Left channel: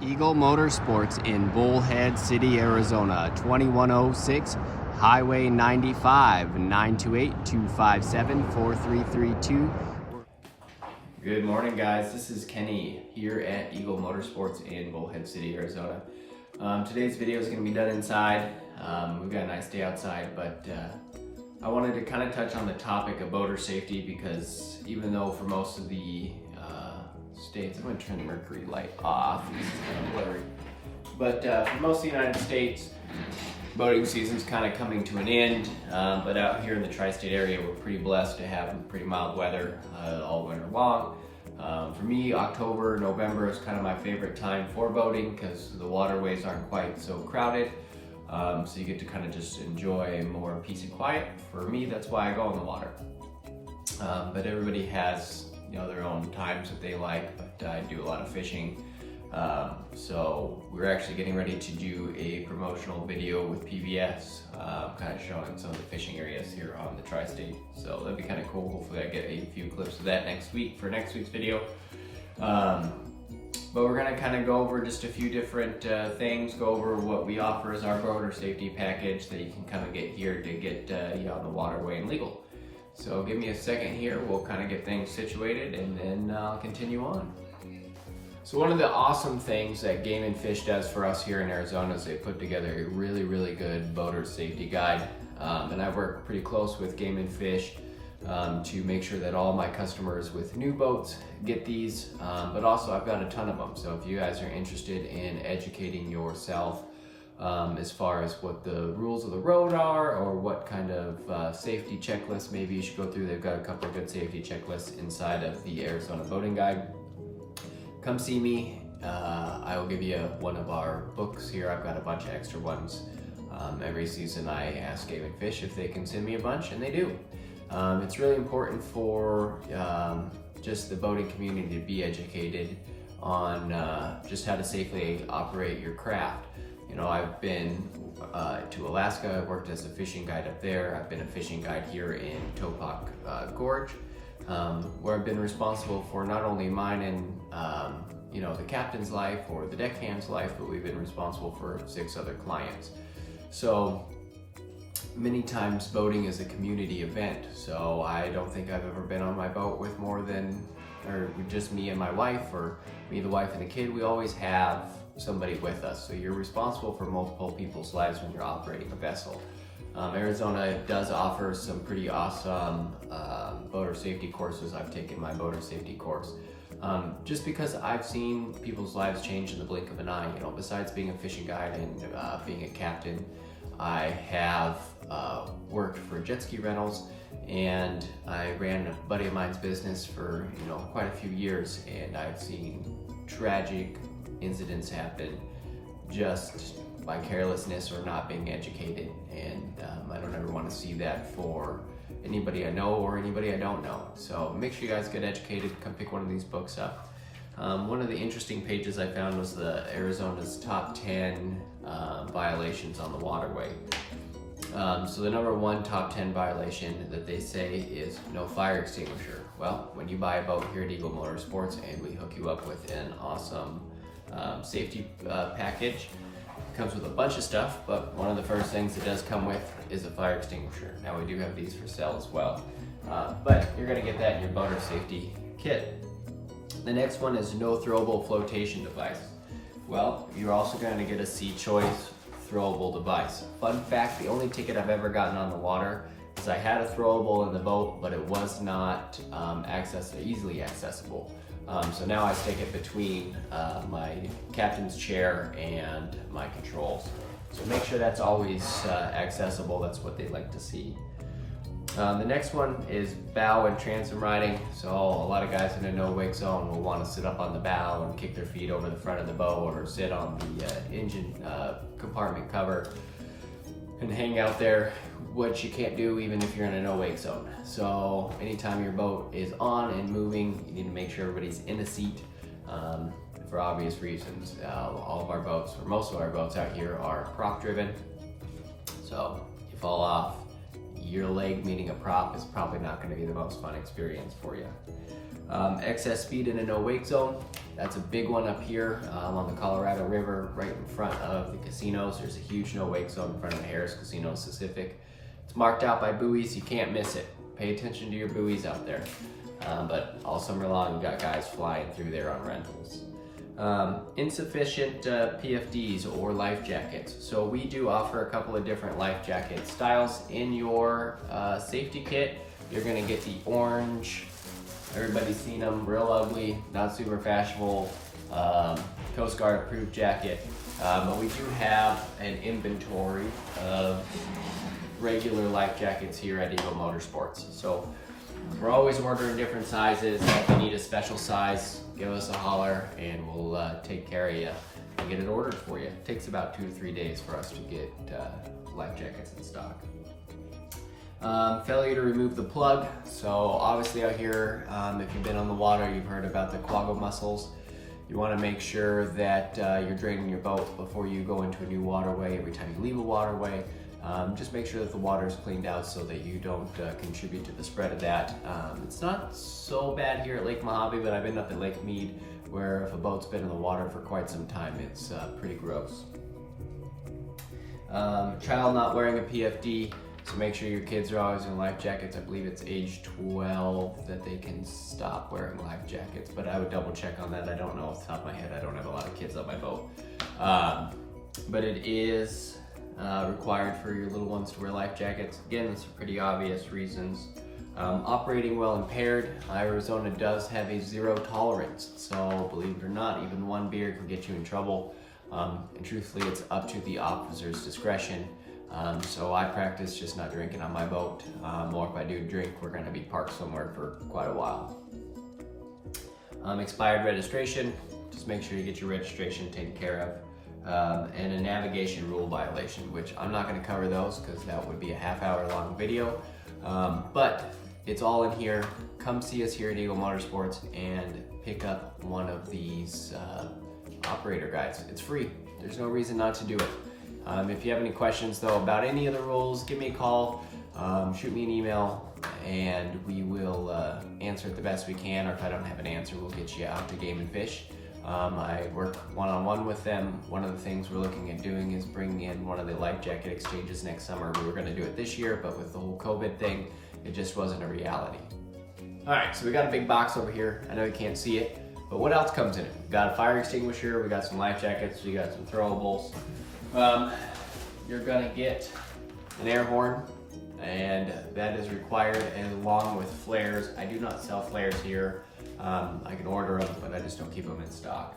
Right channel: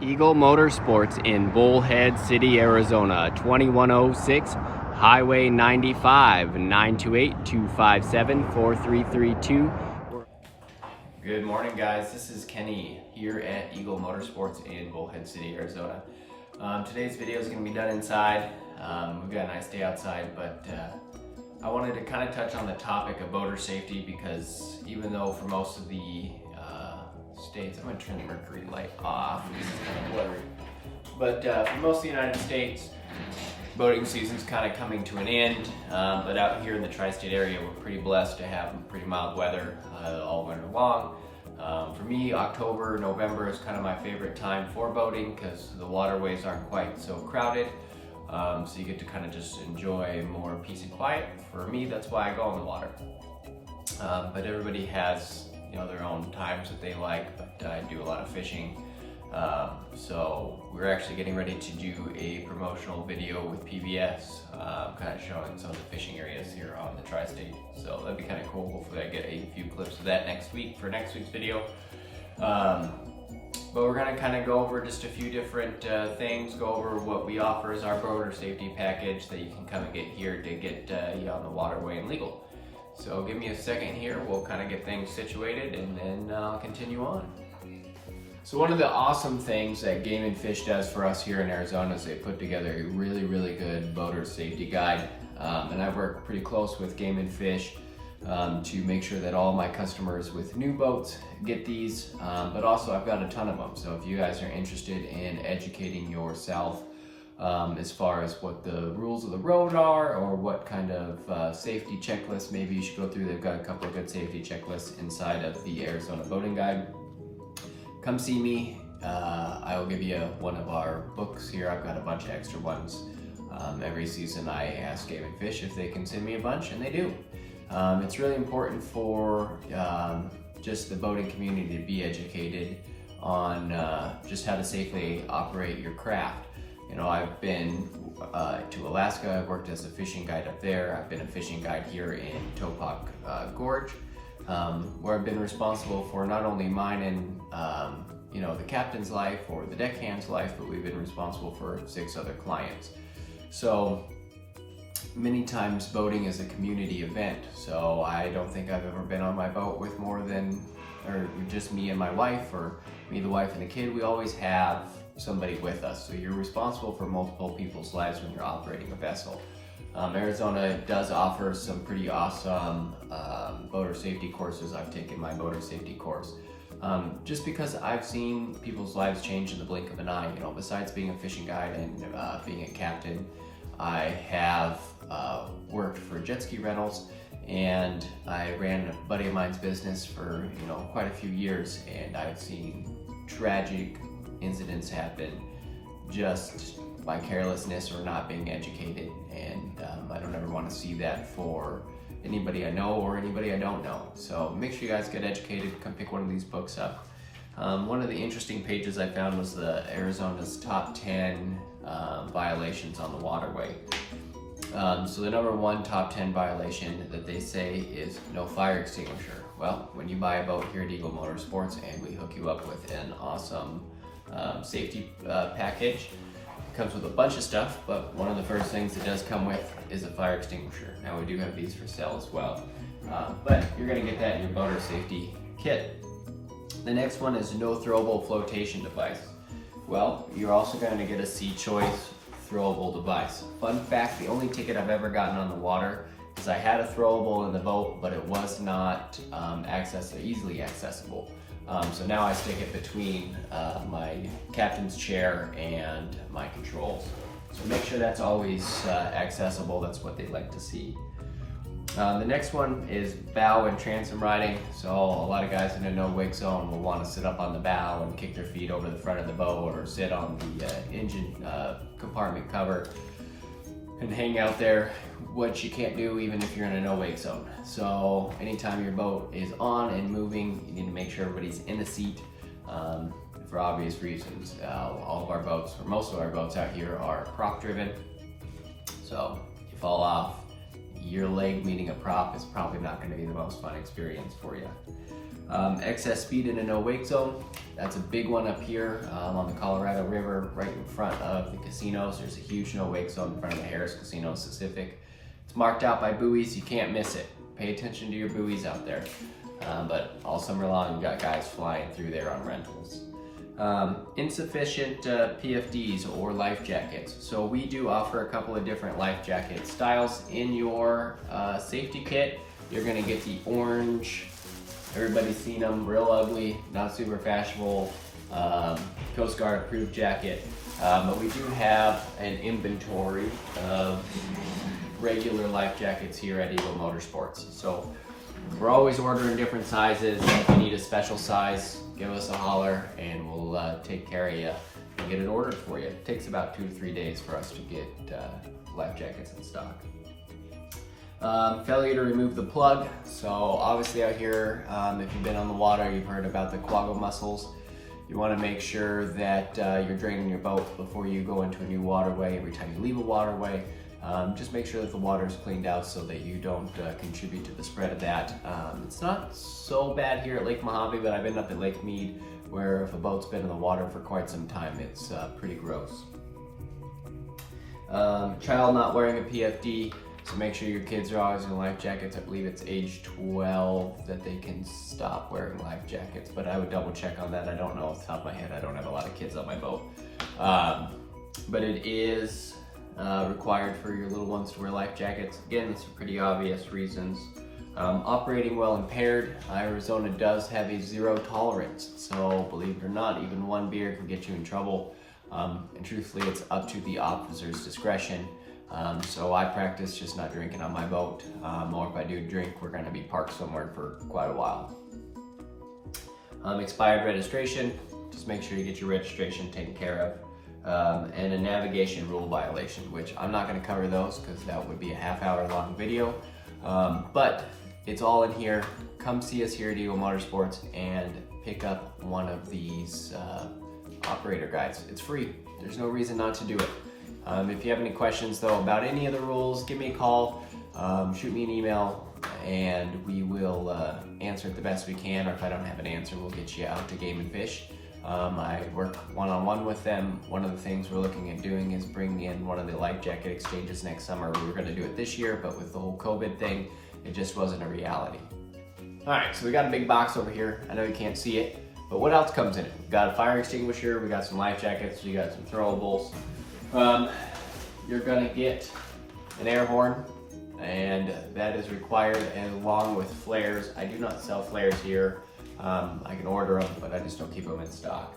Eagle Motorsports in Bullhead City, Arizona, 2106 Highway 95, 928-257-4332. Good morning, guys. This is Kenny here at Eagle Motorsports in Bullhead City, Arizona. Today's video is going to be done inside. We've got a nice day outside, but I wanted to kind of touch on the topic of boater safety because even though for most of the states, I'm going to turn the mercury light off, this is kind of blurry, but for most of the United States, boating season's kind of coming to an end, but out here in the tri-state area, we're pretty blessed to have pretty mild weather all winter long. For me, October, November is kind of my favorite time for boating because the waterways aren't quite so crowded. So you get to kind of just enjoy more peace and quiet. For me, that's why I go on the water. But everybody has, their own times that they like, but I do a lot of fishing. So we're actually getting ready to do a promotional video with PBS, kind of showing some of the fishing areas here on the tri-state. So that'd be kind of cool. Hopefully I get a few clips of that next week for next week's video. But we're gonna kind of go over just a few different things, go over what we offer as our boater safety package that you can come and get here to get you on the waterway and legal. So give me a second here, we'll kind of get things situated and then I'll continue on. So one of the awesome things that Game & Fish does for us here in Arizona is they put together a really good boater safety guide. And I work pretty close with Game & Fish to make sure that all my customers with new boats get these, but also I've got a ton of them. So if you guys are interested in educating yourself as far as what the rules of the road are or what kind of safety checklists maybe you should go through, they've got a couple of good safety checklists inside of the Arizona Boating Guide. Come see me. I will give you one of our books here. I've got a bunch of extra ones. Every season I ask Game & Fish if they can send me a bunch, and they do. It's really important for just the boating community to be educated on just how to safely operate your craft. I've been to Alaska. I've worked as a fishing guide up there. I've been a fishing guide here in Topok Gorge, where I've been responsible for not only mine and the captain's life or the deckhand's life, but we've been responsible for 6 other clients. So many times boating is a community event, so I don't think I've ever been on my boat with more than, or just me and my wife, or me, the wife, and the kid. We always have somebody with us, so you're responsible for multiple people's lives when you're operating a vessel. Arizona does offer some pretty awesome boater safety courses. I've taken my boater safety course just because I've seen people's lives change in the blink of an eye. Besides being a fishing guide and being a captain, I have worked for jet ski rentals, and I ran a buddy of mine's business for quite a few years, and I've seen tragic incidents happen just by carelessness or not being educated, and I don't ever want to see that for anybody I know or anybody I don't know. So make sure you guys get educated. Come pick one of these books up. One of the interesting pages I found was the Arizona's top 10 violations on the waterway. So the number 1 top 10 violation that they say is no fire extinguisher. Well, when you buy a boat here at Eagle Motorsports and we hook you up with an awesome safety package, it comes with a bunch of stuff, but one of the first things it does come with is a fire extinguisher. Now we do have these for sale as well, but you're going to get that in your boater safety kit. The next one is no throwable flotation device. Well, you're also going to get a C-Choice throwable device. Fun fact, the only ticket I've ever gotten on the water is I had a throwable in the boat, but it was not easily accessible. So now I stick it between my captain's chair and my controls. So make sure that's always accessible. That's what they like to see. The next one is bow and transom riding. So a lot of guys in a no-wake zone will want to sit up on the bow and kick their feet over the front of the boat, or sit on the engine compartment cover and hang out there, which you can't do even if you're in a no-wake zone. So anytime your boat is on and moving, you need to make sure everybody's in the seat for obvious reasons. All of our boats, or most of our boats out here, are prop driven. So you fall off, your leg meeting a prop is probably not going to be the most fun experience for you. Excess speed in a no wake zone, that's a big one up here on the Colorado River, right in front of the casinos. There's a huge no wake zone in front of the Harris Casino Pacific. It's marked out by buoys, you can't miss it. Pay attention to your buoys out there. But all summer long, you got guys flying through there on rentals. Insufficient PFDs or life jackets. So we do offer a couple of different life jacket styles in your safety kit. You're gonna get the orange, everybody's seen them, real ugly, not super fashionable, Coast Guard approved jacket. But we do have an inventory of regular life jackets here at Eagle Motorsports. So we're always ordering different sizes. If you need a special size, give us a holler and we'll take care of you and get it ordered for you. It takes about 2 to 3 days for us to get life jackets in stock. Failure to remove the plug. So obviously out here, if you've been on the water, you've heard about the quagga mussels. You want to make sure that you're draining your boat before you go into a new waterway. Every time you leave a waterway, just make sure that the water is cleaned out so that you don't contribute to the spread of that. It's not so bad here at Lake Mojave, but I've been up at Lake Mead where if a boat's been in the water for quite some time, it's pretty gross. Child not wearing a PFD, so make sure your kids are always in life jackets. I believe it's age 12 that they can stop wearing life jackets, but I would double check on that. I don't know off the top of my head. I don't have a lot of kids on my boat. But it is required for your little ones to wear life jackets. Again, that's for pretty obvious reasons. Operating while impaired, Arizona does have a 0 tolerance. So believe it or not, even one beer can get you in trouble. And truthfully, it's up to the officer's discretion. So I practice just not drinking on my boat, or if I do drink, we're gonna be parked somewhere for quite a while. Expired registration, just make sure you get your registration taken care of. And a navigation rule violation, which I'm not gonna cover those because that would be a half-hour long video. But it's all in here. Come see us here at Eagle Motorsports and pick up one of these operator guides. It's free, there's no reason not to do it. If you have any questions though about any of the rules, give me a call, shoot me an email, and we will answer it the best we can, or if I don't have an answer, we'll get you out to Game and Fish. I work one-on-one with them. One of the things we're looking at doing is bringing in one of the life jacket exchanges next summer. We were gonna do it this year, but with the whole COVID thing, it just wasn't a reality. All right, so we got a big box over here. I know you can't see it, but what else comes in it? We got a fire extinguisher, we got some life jackets, we got some throwables. You're gonna get an air horn, and that is required along with flares. I do not sell flares here. I can order them, but I just don't keep them in stock.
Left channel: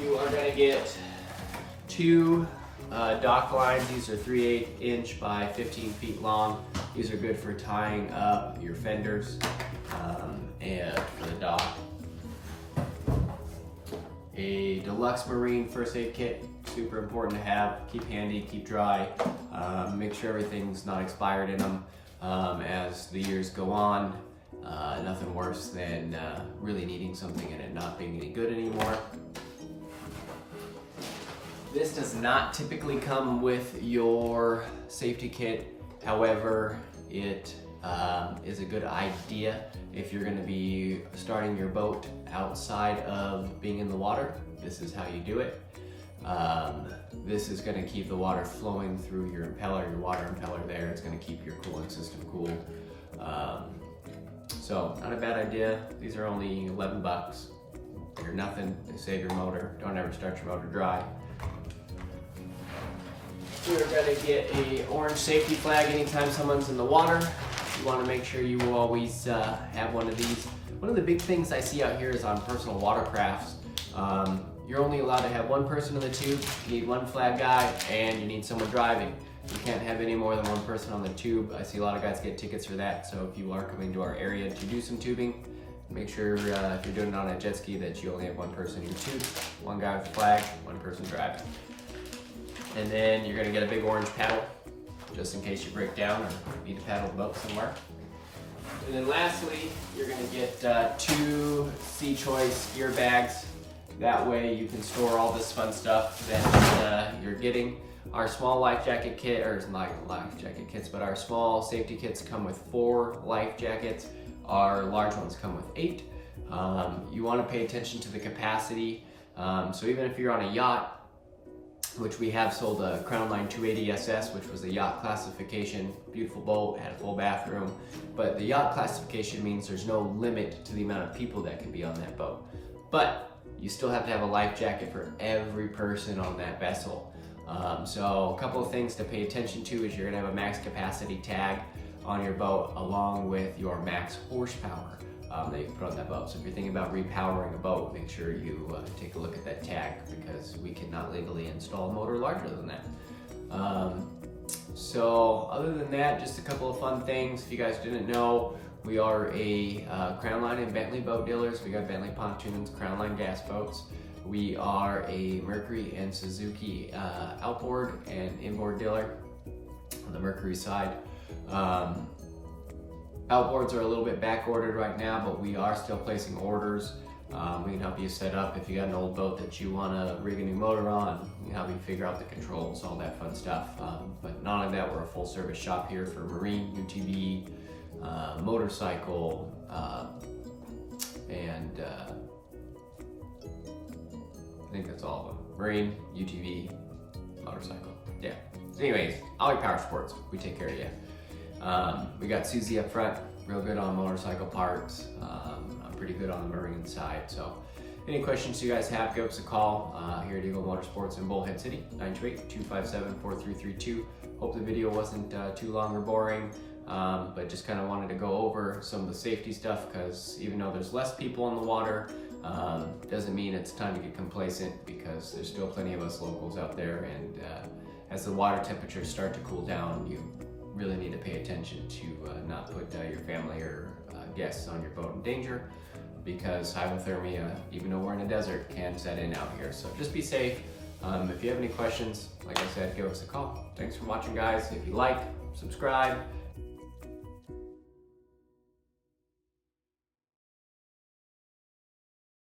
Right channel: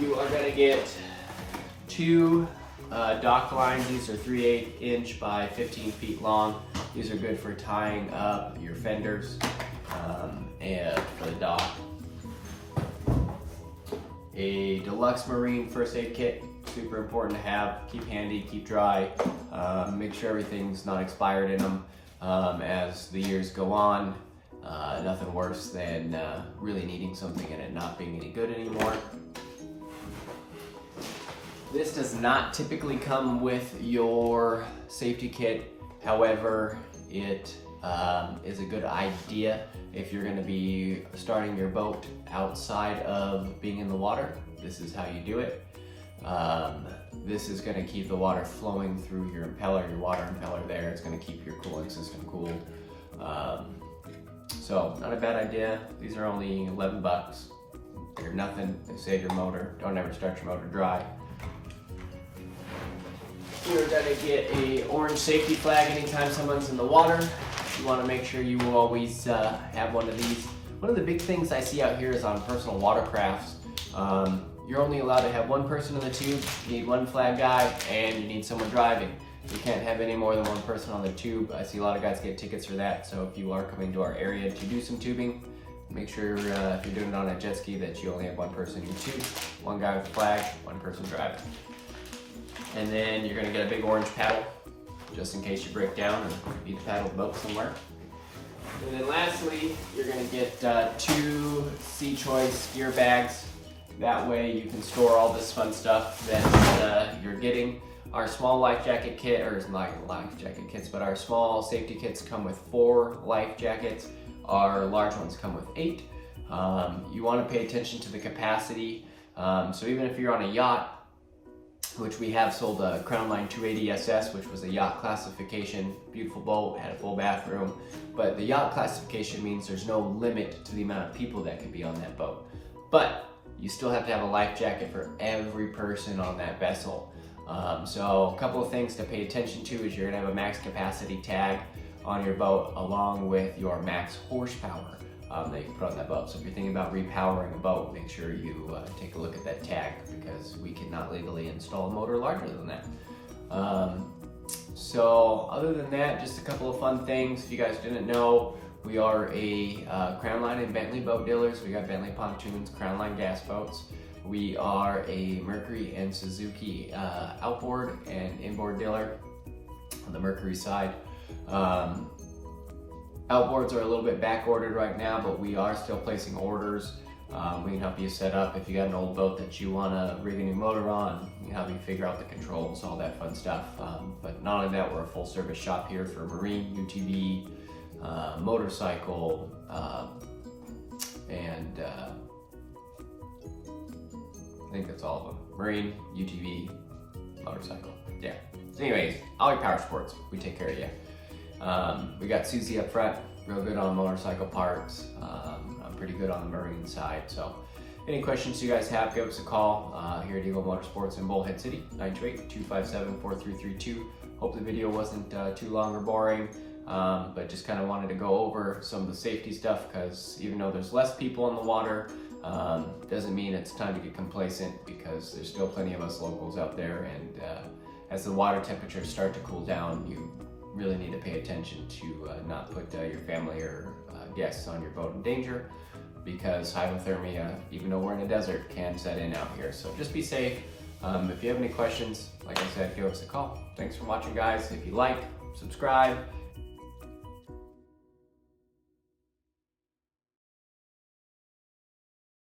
You are gonna get 2 dock lines. These are 3/8 inch by 15 feet long. These are good for tying up your fenders and for the dock. A deluxe marine first aid kit, super important to have. Keep handy, keep dry. Make sure everything's not expired in them as the years go on. Nothing worse than really needing something and it not being any good anymore. This does not typically come with your safety kit. However, it is a good idea if you're gonna be starting your boat outside of being in the water. This is how you do it. This is gonna keep the water flowing through your impeller, your water impeller there. It's gonna keep your cooling system cool. So not a bad idea. These are only 11 bucks. They're nothing, they save your motor. Don't ever start your motor dry. You're gonna get a orange safety flag anytime someone's in the water. You wanna make sure you always have one of these. One of the big things I see out here is on personal watercrafts. You're only allowed to have one person in the tube, you need one flag guy, and you need someone driving. You can't have any more than one person on the tube. I see a lot of guys get tickets for that, so if you are coming to our area to do some tubing, make sure if you're doing it on a jet ski that you only have one person in your tube, one guy with a flag, one person driving. And then you're gonna get a big orange paddle, just in case you break down or need to paddle the boat somewhere. And then lastly, you're gonna get 2 Sea Choice gear bags. That way you can store all this fun stuff that you're getting. Our small life jacket kit, or not life jacket kits, but our small safety kits come with 4 life jackets. Our large ones come with 8. You want to pay attention to the capacity. So even if you're on a yacht, which we have sold a Crownline 280 SS, which was a yacht classification, beautiful boat, had a full bathroom. But the yacht classification means there's no limit to the amount of people that can be on that boat. But you still have to have a life jacket for every person on that vessel. So a couple of things to pay attention to is you're gonna have a max capacity tag on your boat along with your max horsepower that you can put on that boat. So if you're thinking about repowering a boat, make sure you take a look at that tag, because we cannot legally install a motor larger than that. So other than that, just a couple of fun things. If you guys didn't know, we are a Crownline and Bentley boat dealers. We got Bentley pontoons, Crownline gas boats. We are a Mercury and Suzuki outboard and inboard dealer on the Mercury side. Outboards are a little bit back ordered right now, but we are still placing orders. We can help you set up if you got an old boat that you want to rig a new motor on. We can help you figure out the controls, all that fun stuff. But not only that, we're a full service shop here for marine, UTV, motorcycle, and I think that's all of them. Marine, UTV, motorcycle. Yeah. So anyways, all your power sports, we take care of you. We got Susie up front, real good on motorcycle parts. I'm pretty good on the marine side. So any questions you guys have, give us a call here at Eagle Motorsports in Bullhead City, 928-257-4332. Hope the video wasn't too long or boring, but just kind of wanted to go over some of the safety stuff, because even though there's less people on the water, doesn't mean it's time to get complacent, because there's still plenty of us locals out there, and as the water temperatures start to cool down, you really need to pay attention to not put your family or guests on your boat in danger, because hypothermia, even though we're in a desert, can set in out here. So just be safe. If you have any questions, like I said, give us a call. Thanks for watching, guys. If you like, subscribe.